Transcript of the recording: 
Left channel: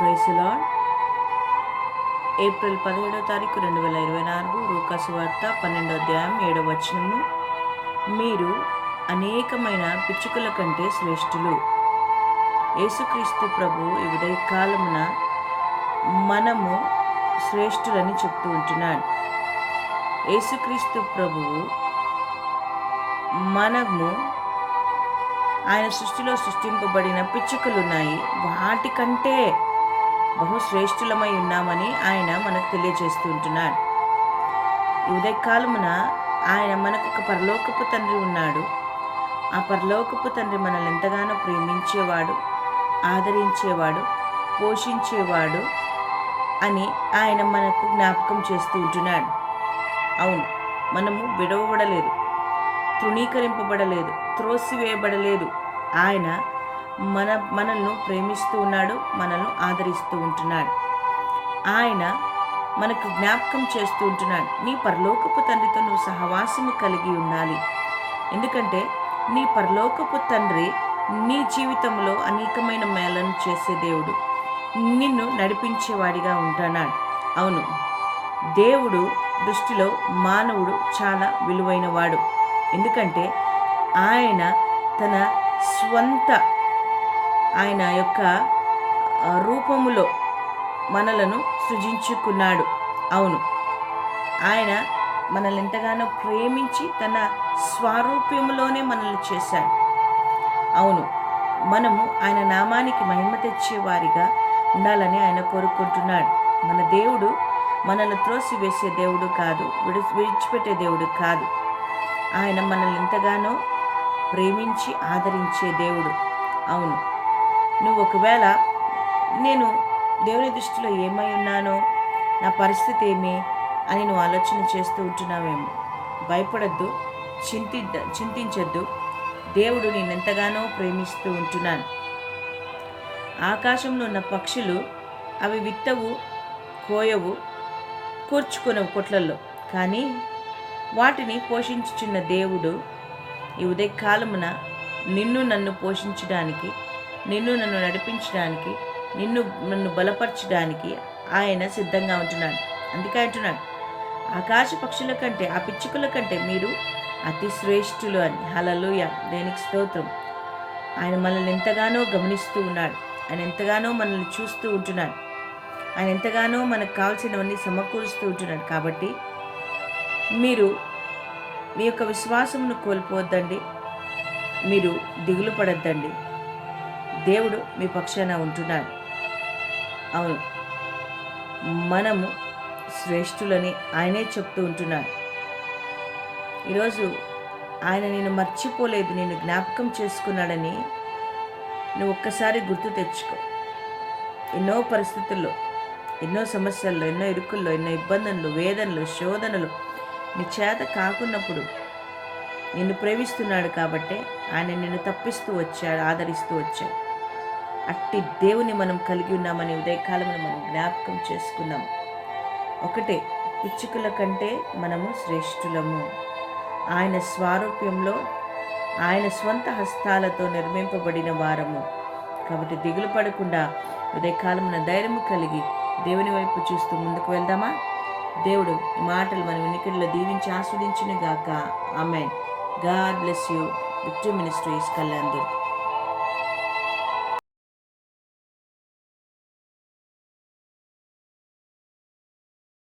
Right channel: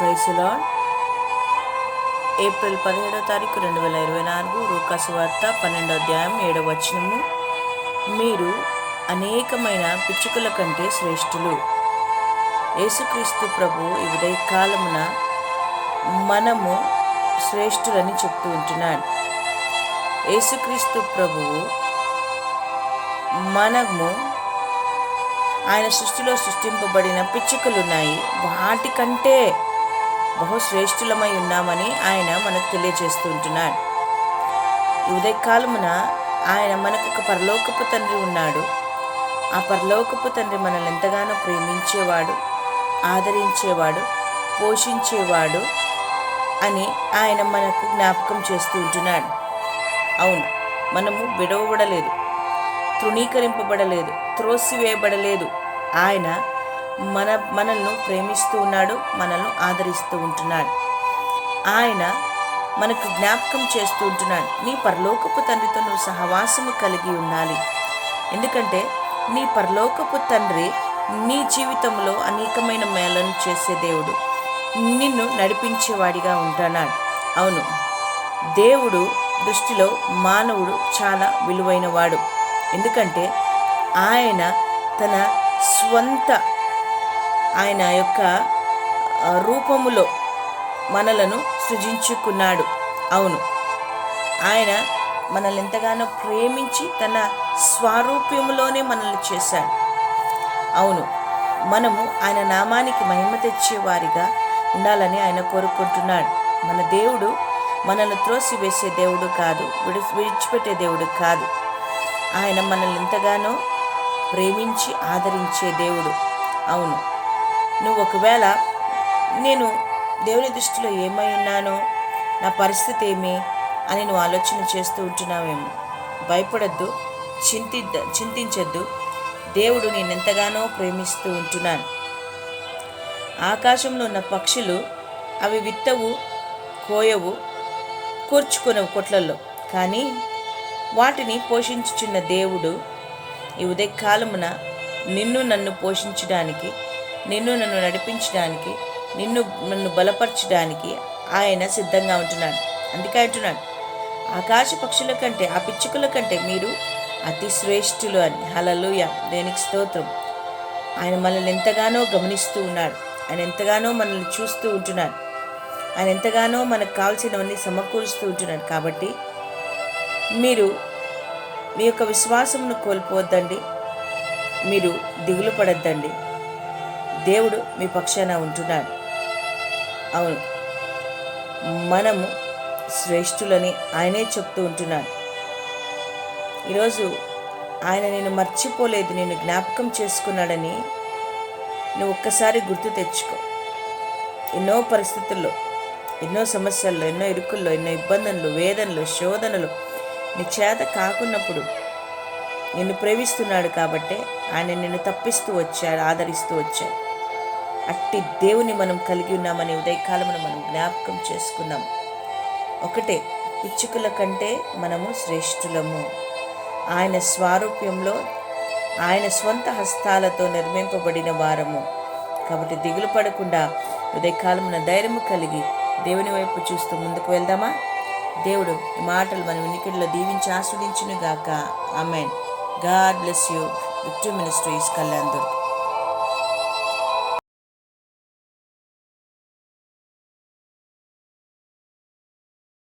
ప్రైసులా. April పదిహేడవ తారీఖు రెండు వేల ఇరవై నాలుగు రూకాసు వార్త పన్నెండో అధ్యాయం ఏడవ వచనము మీరు అనేకమైన పిచ్చుకల కంటే శ్రేష్ఠులు. యేసుక్రీస్తు ప్రభు ఈ ఉదయకాలమున మనము శ్రేష్ఠులని చెప్తూ ఉంటున్నాడు. యేసుక్రీస్తు ప్రభువు మనము ఆయన సృష్టిలో సృష్టింపబడిన పిచ్చుకలు ఉన్నాయి వాటికంటే బహుశ్రేష్ఠులమై ఉన్నామని ఆయన మనకు తెలియజేస్తూ ఉంటున్నాడు ఈ ఉదయకాలమున ఆయన మనకు ఒక పరలోకపు తండ్రి ఉన్నాడు. ఆ పరలోకపు తండ్రి మనల్ని ఎంతగానో ప్రేమించేవాడు ఆదరించేవాడు పోషించేవాడు అని ఆయన మనకు జ్ఞాపకం చేస్తూ ఉంటున్నాడు అవును మనము విడవబడలేదు తృణీకరింపబడలేదు త్రోసివేయబడలేదు. ఆయన మన మనల్ని ప్రేమిస్తూ ఉన్నాడు మనల్ని ఆదరిస్తూ ఉంటున్నాడు. ఆయన మనకు జ్ఞాపకం చేస్తూ ఉంటున్నాడు. నీ పరలోకపు తండ్రితో నువ్వు సహవాసము కలిగి ఉండాలి. ఎందుకంటే నీ పరలోకపు తండ్రి నీ జీవితంలో అనేకమైన మేళను చేసే దేవుడు. నిన్ను నడిపించేవాడిగా ఉంటున్నాడు అవును దేవుడు దృష్టిలో మానవుడు చాలా విలువైనవాడు. ఎందుకంటే ఆయన తన స్వంత ఆయన యొక్క రూపములో మనలను సృజించుకున్నాడు. అవును. ఆయన మనల్ని ఎంతగానో ప్రేమించి తన స్వారూప్యములోనే మనల్ని చేశాడు. అవును. మనము ఆయన నామానికి మహిమ తెచ్చేవారిగా ఉండాలని ఆయన కోరుకుంటున్నాడు. మన దేవుడు మనల్ని త్రోసివేసే దేవుడు కాదు విడి విడిచిపెట్టే దేవుడు కాదు. ఆయన మనల్ని ఎంతగానో ప్రేమించి ఆదరించే దేవుడు. అవును. నువ్వు ఒకవేళ నేను దేవుని దృష్టిలో ఏమై ఉన్నానో నా పరిస్థితి ఏమి అని నువ్వు ఆలోచన చేస్తూ ఉంటున్నావేమో. భయపడద్దు చింతి చింతించద్దు. దేవుడు నేను ఎంతగానో ప్రేమిస్తూ ఉంటున్నాను ఆకాశంలో ఉన్న పక్షులు అవి విత్తవు కోయవు కూర్చుకునవు కొట్లల్లో. కానీ వాటిని పోషించుచున్న దేవుడు ఈ ఉదయకాలమున నిన్ను నన్ను పోషించడానికి నిన్ను నన్ను నడిపించడానికి నిన్ను నన్ను బలపరచడానికి ఆయన సిద్ధంగా ఉంటున్నాడు. అందుకే అంటున్నాడు ఆకాశ పక్షుల కంటే ఆ పిచ్చుకల కంటే మీరు అతి శ్రేష్ఠులు అని. హలలుయ దేనికి స్తోత్రం? ఆయన మనల్ని ఎంతగానో గమనిస్తూ ఉన్నాడు. ఆయన ఎంతగానో మనల్ని చూస్తూ ఉంటున్నాడు. ఆయన ఎంతగానో మనకు కావాల్సినవన్నీ సమకూరుస్తూ ఉంటున్నాడు. కాబట్టి మీరు మీ యొక్క విశ్వాసమును కోల్పోవద్దండి. మీరు దిగులు పడద్దండి దేవుడు మీ పక్షాన ఉంటున్నాడు. అవును. మనము శ్రేష్ఠులని ఆయనే చెప్తూ ఉంటున్నాడు. ఈరోజు ఆయన నేను మర్చిపోలేదు నేను జ్ఞాపకం చేసుకున్నాడని నువ్వు ఒక్కసారి గుర్తు తెచ్చుకో. ఎన్నో పరిస్థితుల్లో ఎన్నో సమస్యల్లో ఎన్నో ఇరుకుల్లో ఎన్నో ఇబ్బందులు వేదనలు శోధనలు నీ చేత కాకున్నప్పుడు నిన్ను ప్రేమిస్తున్నాడు కాబట్టే ఆయన నిన్ను తప్పిస్తూ వచ్చాడు ఆదరిస్తూ వచ్చాడు. అట్టి దేవుని మనం కలిగి ఉన్నామని ఉదయకాలమును మనం జ్ఞాపకం చేసుకున్నాం. ఒకటే ఇచ్చుకుల కంటే మనము శ్రేష్ఠులము. ఆయన స్వారూప్యంలో ఆయన స్వంత హస్తాలతో నిర్మింపబడిన వారము. కాబట్టి దిగులు పడకుండా ఉదయకాలమున ధైర్యము కలిగి దేవుని వైపు చూస్తూ ముందుకు వెళ్దామా? దేవుడు ఈ మాటలు మన వినికిడిలో దీవించి ఆస్వాదించును గాక amen. God bless you. Victory ministries Kalyan Durg.